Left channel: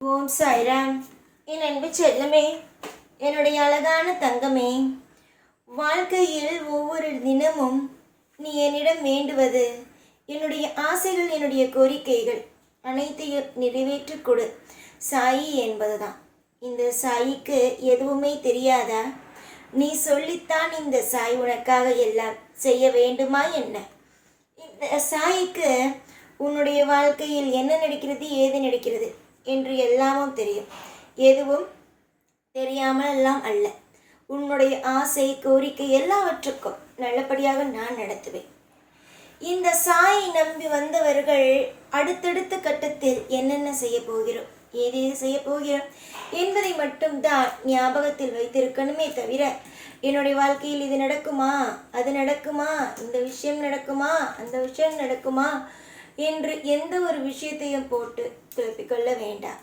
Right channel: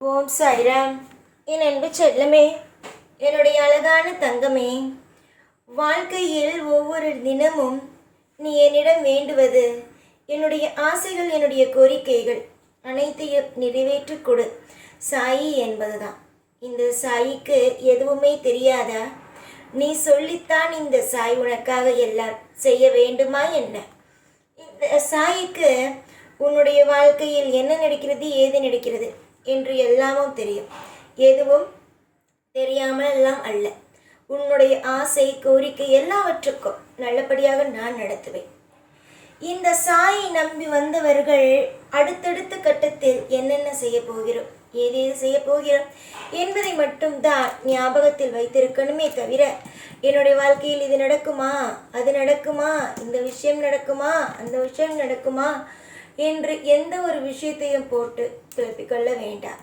ஓம் சாய்ராம். என் அன்பு செல்லமே, என்னுடைய அழகான தங்கமே, வாழ்க்கையில் ஒவ்வொரு தினமும் நீ என்னிடம் வேண்டுவது என்னுடைய ஆசைகள், என்னுடைய கோரிக்கைகள் அனைத்தையும் நிறைவேற்றி கொடு சாயி என்பதுதான். இந்த சாயிக்கு எதுவுமே தெரியாதா? நீ சொல்லித்தான் இந்த சாய் உனக்காக எல்லாம் செய்ய வேண்டுமா என்ன? இந்த சாயிக்கு உன்னுடைய வாழ்க்கையில் என்ன நடக்கிறது, ஏது நடக்கிறது என்று எல்லாமும் தெரியும். எதுவும் தெரியாமல் எல்லாம் அல்ல. உன்னுடைய ஆசை, கோரிக்கை எல்லாவற்றுக்கும் நல்லபடியாக நான் நடத்துவேன். இந்த சாயை நம்பி வந்தவர்கள் அடுத்தடுத்த கட்டத்தில் என்னென்ன செய்ய போகிறோம், ஏதேது செய்ய போகிறோம் என்பதை மட்டும்தான் ஞாபகத்தில் வைத்திருக்கணுமே தவிர, என்னுடைய வாழ்க்கையில் இது நடக்குமா, அது நடக்குமா, இந்த விஷயம் நடக்குமா, அந்த விஷயம் நடக்குமா என்று எந்த ஒரு விஷயத்தையும் போட்டு குழப்பிக்கொள்ள வேண்டாம்.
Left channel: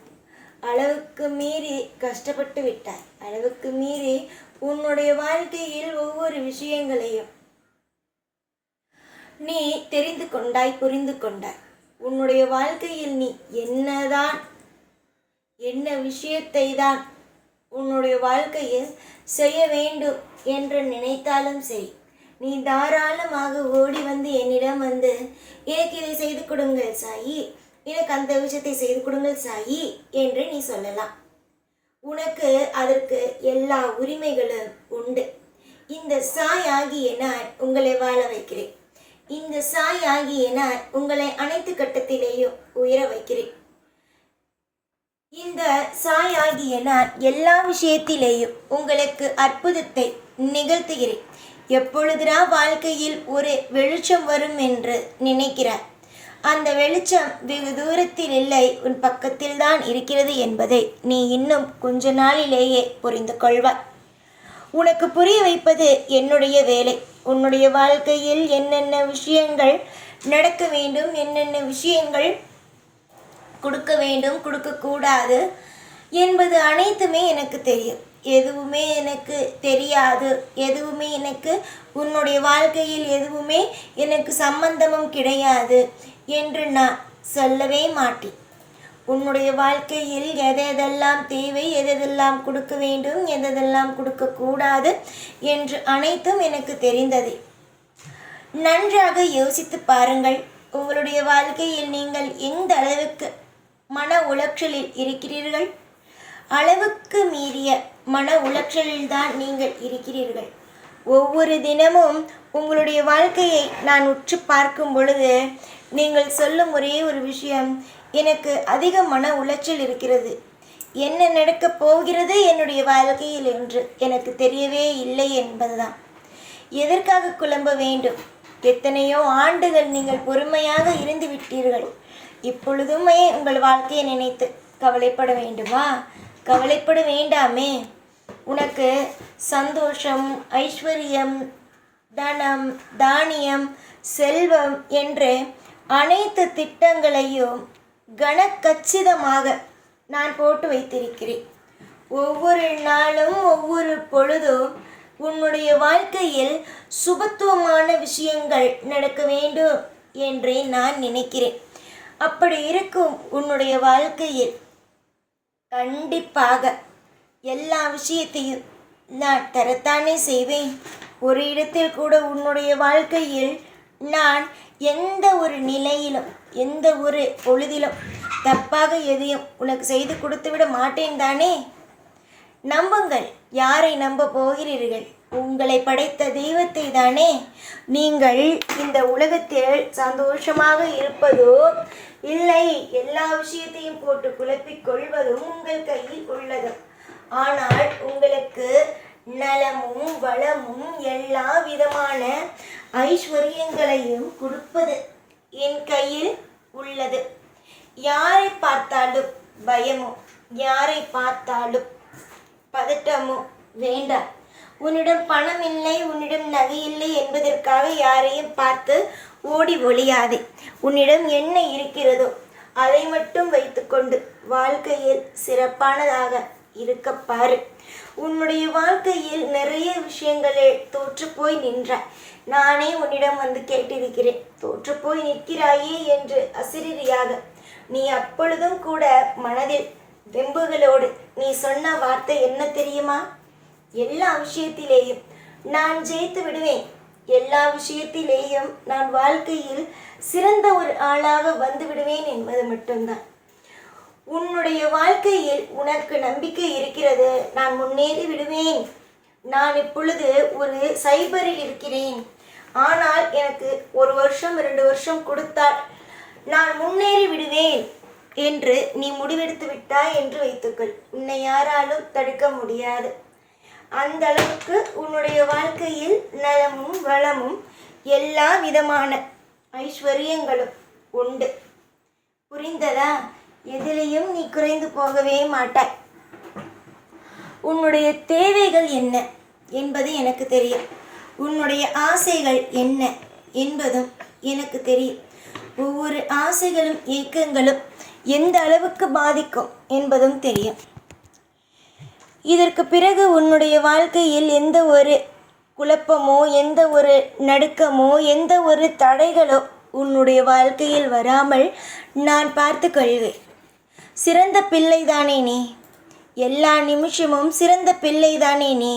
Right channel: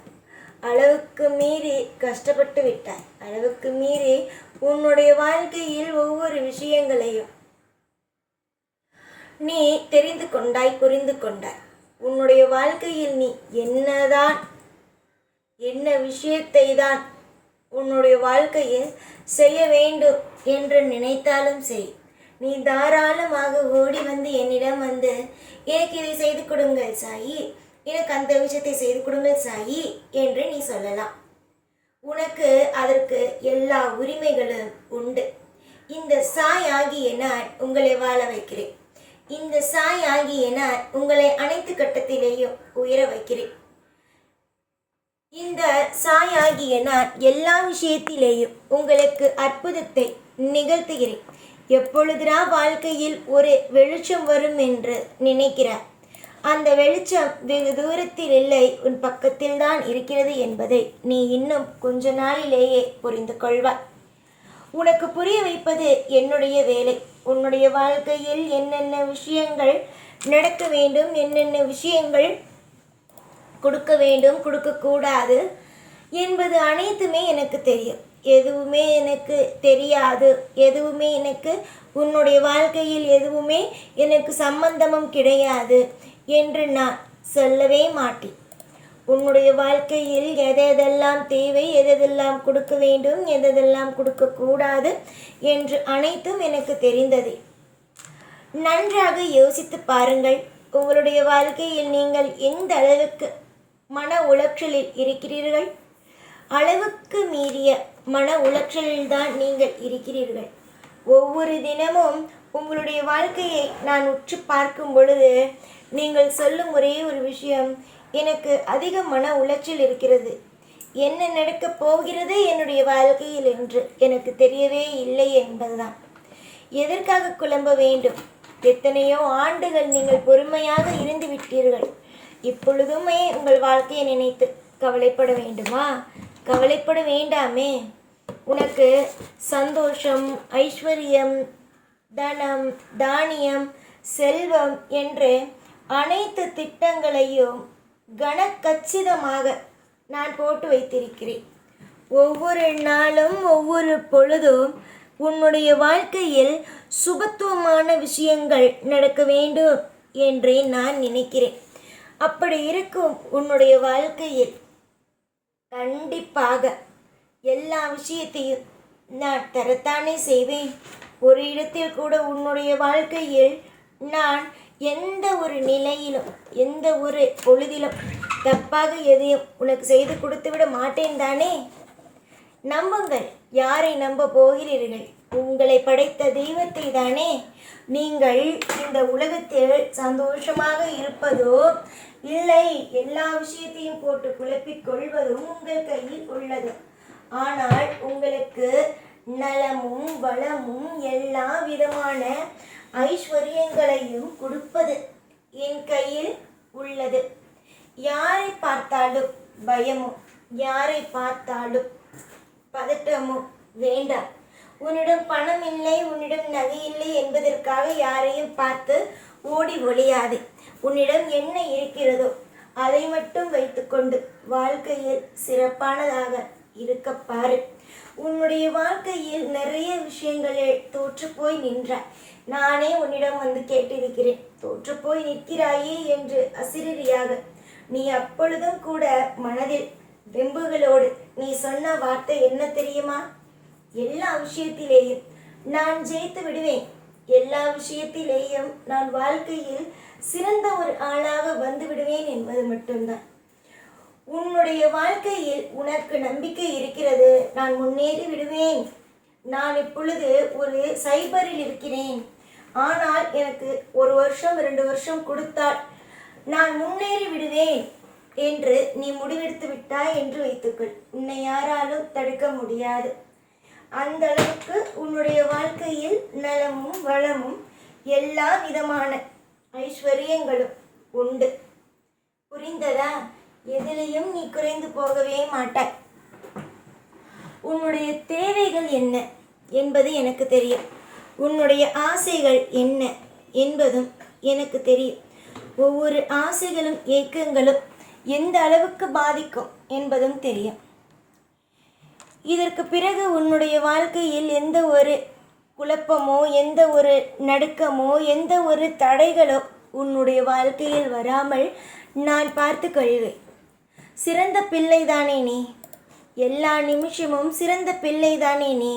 அளவுக்கு மீறி கஷ்டப்பட்டு விட்டாய். அளவுக்கு மீறி உன்னுடைய வாழ்க்கையில் ஒவ்வொரு விஷயங்களையும் நீ தெரிந்து கொண்டாய், புரிந்து கொண்டாய். உன்னுடைய வாழ்க்கையில் நீ என்ன விஷயத்தை தான் உன்னுடைய வாழ்க்கையில் செய்ய வேண்டும் என்று நினைத்தாலும் சரி, நீ தாராளமாக ஓடி வந்து என்னிடம் வந்து, எனக்கு இதை செய்து கொடுங்கள் சாயி, எனக்கு அந்த விஷயத்தை செய்து கொடுங்கள் சாயி என்று நீ சொல்லலாம். உனக்கு அதற்கு எல்லா உரிமைகளும் உண்டு. இந்த சாய் ஆகிய நான் உங்களை வாழ வைக்கிறேன். இந்த சாய் ஆகிய நான் உங்களை அனைத்து கட்டத்திலேயும் உயர வைக்கிறேன். இந்த சாய் ஆகிய நான் எல்லா விஷயத்திலேயும் உங்களுக்கு அற்புதத்தை நிகழ்த்துகிறேன். எப்பொழுதுதான் வாழ்க்கையில் ஒரு வெளிச்சம் வரும் என்று நினைக்கிறார், அந்த வெளிச்சம் வெகு தூரத்தில் இல்லை, உன் பக்கத்தில் தான் இருக்கிறது என்பதை நீ இன்னும் கொஞ்ச நாளிலேயே புரிந்து கொள்வாய். உனக்கு புரிய வைப்பது என்னுடைய வேலை. உன்னுடைய வாழ்க்கையில் என்னென்ன விஷயங்கள் நடக்க வேண்டும், என்னென்ன விஷயங்கள் கொடுக்க வேண்டும், கொடுக்கக்கூடாது என்பது அனைத்துமே எனக்கு தெரியும். எதுவுமே எனக்கு தெரியாது, எதுவுமே எனக்கு உன்னுடைய வாழ்க்கையில் எதுவுமே எனக்கு சம்பந்தமும் கிடையாது என்று நான் சொல்லவே மாட்டேன். உன்னுடைய வாழ்க்கையில் எதெல்லாம் தேவை, எதெல்லாம் கொடுக்க வேண்டும், எதெல்லாம் கொடுக்கக்கூடாது என்று அனைத்தும் எனக்கு தெரிந்தது. நன்றாக யோசித்து பாருங்கள். உங்களுடைய வாழ்க்கையில் நீங்கள் எந்த அளவுக்கு மன உளைச்சலில் இருக்கிறீர்கள்? அளவுக்கு மீறிய மன உளைச்சலில்தான் நீங்கள் இருக்கிறீர்கள். ஒவ்வொரு தினமும் உங்களுடைய வாழ்க்கையை நான் உற்று பார்க்கும் பொழுது நீங்கள் சொல்லும் ஒரே ஒரு விஷயம், எனக்கு அதிக மன உளைச்சல் இருக்கிறது, என்ன நடக்கப் போகிறது என்னுடைய வாழ்க்கையில் என்று எனக்கு தெரியவே இல்லை என்பதுதான். எதற்காக குழம்ப வேண்டும்? எத்தனையோ ஆண்டுகள் நீங்கள் பொறுமையாக இருந்து விட்டீர்கள். இப்பொழுதுமே உங்கள் வாழ்க்கையை நினைத்து கவலைப்பட வேண்டுமா? கவலைப்பட வேண்டாமே. உனக்கு சந்தோஷம், ஐஸ்வர்யம், தனம், தானியம், செல்வம் என்று அனைத்து திட்டங்களையும் கனக்கச்சிதமாக நான் போட்டு வைத்திருக்கிறேன். ஒவ்வொரு நாளும் ஒவ்வொரு பொழுதும் உன்னுடைய வாழ்க்கையில் சுபத்துவமான விஷயங்கள் நடக்க வேண்டும் என்றே நான் நினைக்கிறேன். அப்படி இருக்கும் உன்னுடைய வாழ்க்கையில் கண்டிப்பாக எல்லா விஷயத்தையும் நான் தரத்தானே செய்வேன். ஒரு இடத்தில் கூட உன்னுடைய வாழ்க்கையில் நான் எந்த ஒரு நிலையிலும், எந்த ஒரு பொழுதிலும் தப்பாக எதையும் உனக்கு செய்து கொடுத்து விட மாட்டேன் தானே? நம்புங்கள். யாரை நம்ப போகிறீர்கள்? உங்களை படைத்த தெய்வத்தை தானே. நீங்கள் இந்த உலகத்தில் சந்தோஷமாக இருப்பதோ இல்லை, எல்லா விஷயத்தையும் போட்டு குழப்பிக் கொள்வதும் உங்கள் கையில் உள்ளது. ஆனால் உங்களுக்கு நலமும் வளமும் எல்லா விதமான ஐஸ்வர்யங்களையும் கொடுப்பது என் கையில் உள்ளது. யாரை பார்த்தாலும் பயமும், யாரை பார்த்தாலும் பதட்டமும் வேண்டாம். உன்னிடம் பணம் இல்லை, உன்னிடம் நகை இல்லை என்பதற்காக யாரையும் பார்த்து ஓடி ஒளியாதே. உன்னிடம் என்ன இருக்கிறதோ அதை மட்டும் வைத்துக்கொண்டு வாழ்க்கையில் சிறப்பானதாக இருக்க பாரு. உன்னுடைய வாழ்க்கையில் நிறைய விஷயங்களில் தோற்று போய் நின்றாய். நானே உன்னிடம் வந்து கேட்டிருக்கிறேன், தோற்று போய் நிற்கிறாயே என்று அசிரியாக. நீ அப்பொழுதும் கூட மனதில் வெம்புகளோடு நீ சொன்ன வார்த்தை என்ன தெரியுமா? எல்லா விஷயத்திலேயும் நான் ஜெயித்து விடுவேன், எல்லா விஷயத்திலேயும் நான் வாழ்க்கையில் சிறந்த ஒரு ஆளாக வந்து விடுவேன் என்பது மட்டும்தான். உன்னுடைய வாழ்க்கையில் உனக்கு நம்பிக்கை இருக்கிறது. நான் முன்னேறி விடுவேன். நான் இப்பொழுது ஒரு சைபரில் இருக்கிறேன், ஆனால் எனக்கு 1 வருஷம் 2 வருஷம் கொடுத்தால் நான் முன்னேறி விடுவேன் என்று நீ முடிவெடுத்து விட்டாய் என்று வைத்துக்கள். உன்னை யாராலும் தடுக்க முடியாது. அந்த அளவுக்கு உன்னுடைய வாழ்க்கையில் நலமும் வளமும் எல்லா விதமான ஐஸ்வர்யங்களும் உண்டு. புரிந்ததா? எதிலையும் நீ குறைந்து போகவே மாட்டாய். உன்னுடைய தேவைகள் என்ன என்பது எனக்கு தெரியும். உன்னுடைய ஆசைகள் என்ன என்பதும் எனக்கு தெரியும். ஒவ்வொரு ஆசைகளும் ஏக்கங்களும் எந்த அளவுக்கு பாதிக்கும் என்பதும் தெரியும். இதற்கு பிறகு உன்னுடைய வாழ்க்கையில் எந்த ஒரு குழப்பமோ, எந்த ஒரு நடுக்கமோ, எந்த ஒரு தடைகளோ உன்னுடைய வாழ்க்கையில் வராமல் நான் பார்த்து கொள்வேன். சிறந்த பிள்ளைதானே நீ? எல்லா நிமிஷமும் சிறந்த பிள்ளைதானே நீ?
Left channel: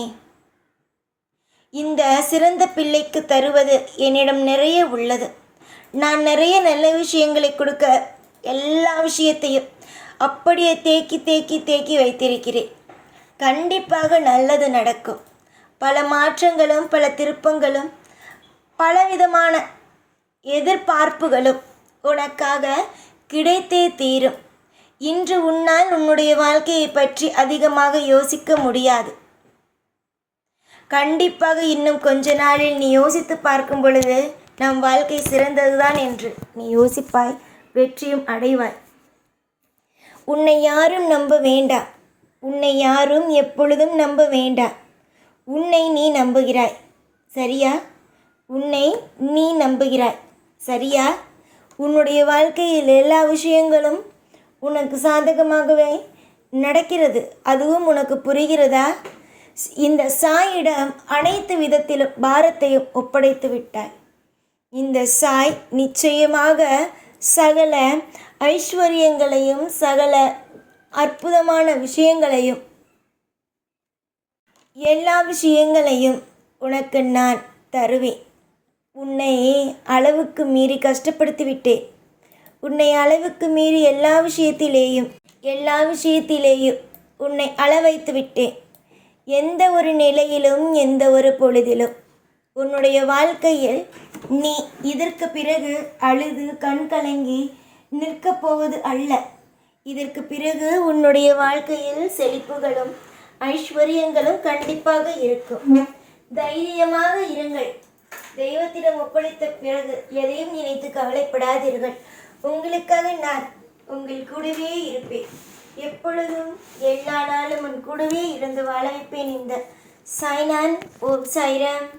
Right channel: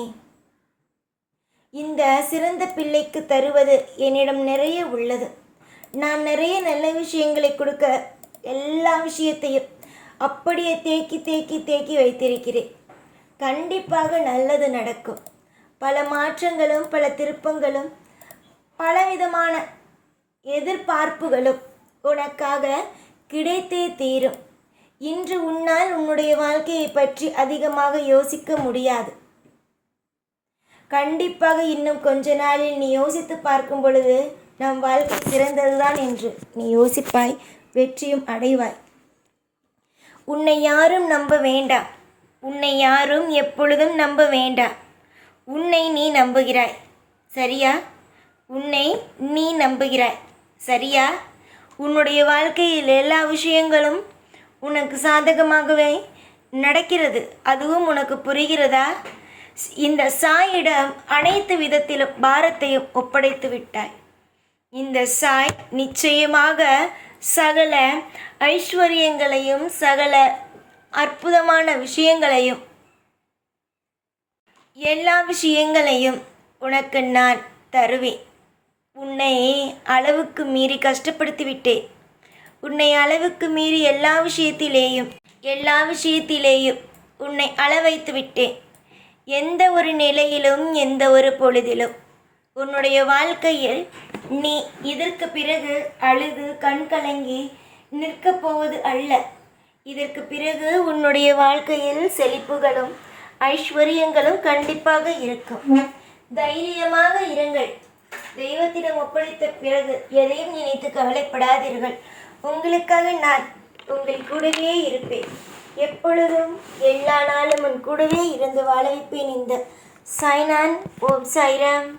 இந்த சிறந்த பிள்ளைக்கு தருவது என்னிடம் நிறைய உள்ளது. நான் நிறைய நல்ல விஷயங்களை கொடுக்க எல்லா விஷயத்தையும் அப்படியே தேக்கி தேக்கி தேக்கி வைத்திருக்கிறேன். கண்டிப்பாக நல்லது நடக்கும். பல மாற்றங்களும் பல திருப்பங்களும் பலவிதமான எதிர்பார்ப்புகளும் உனக்காக கிடைத்தே தீரும். இன்று உன்னால் உன்னுடைய வாழ்க்கையை பற்றி அதிகமாக யோசிக்க முடியாது. கண்டிப்பாக இன்னும் கொஞ்ச நாளில் நீ யோசித்து பார்க்கும் பொழுது நம் வாழ்க்கை சிறந்ததுதான் என்று நீ யோசிப்பாய், வெற்றியும் அடைவாய். உன்னை யாரும் நம்ப வேண்டாம். உன்னை யாரும் எப்பொழுதும் நம்ப வேண்டாம். உன்னை நீ நம்புகிறாய், சரியா? உன்னை நீ நம்புகிறாய், சரியா? உன்னுடைய வாழ்க்கையில் எல்லா விஷயங்களும் உனக்கு சாதகமாகவே நடக்கிறது. அதுவும் உனக்கு புரிகிறதா? இந்த சாயிடம் அனைத்து விதத்திலும் பாரத்தையும் ஒப்படைத்து விட்டாய். இந்த சாய் நிச்சயமாக சகல ஐஸ்வர்யங்களையும் சகல அற்புதமான விஷயங்களையும் எல்லா விஷயங்களையும் உனக்கு நான் தருவேன். உன்னை அளவுக்கு மீறி கஷ்டப்படுத்தி விட்டேன். உன்னை அளவுக்கு மீறி எல்லா விஷயத்திலேயும் உன்னை அளவைத்து விட்டேன். எந்த ஒரு நிலையிலும் எந்த ஒரு பொழுதிலும் உன்னுடைய வாழ்க்கையில் நீ இதற்கு பிறகு அழுது கண் கலங்கி நிற்கப் போவது அல்ல. இதற்கு பிறகு உன்னுடைய வாழ்க்கையில் செழிப்புகளும் ஐஸ்வர்யங்களும் கண்டிப்பாக இருக்கும். தைரியமாக இருங்கள். தெய்வத்திடம் ஒப்படைத்த பிறகு எதையும் நினைத்து கவலைப்படாதீர்கள். உங்களுக்காக நான் உங்கள் கூடவே இருப்பேன். எப்பொழுதும் எல்லா நாளும் உன் கூடவே இருந்து வாழ வைப்பேன். இந்த சாய்நான். ஓம் சாய்ராம்.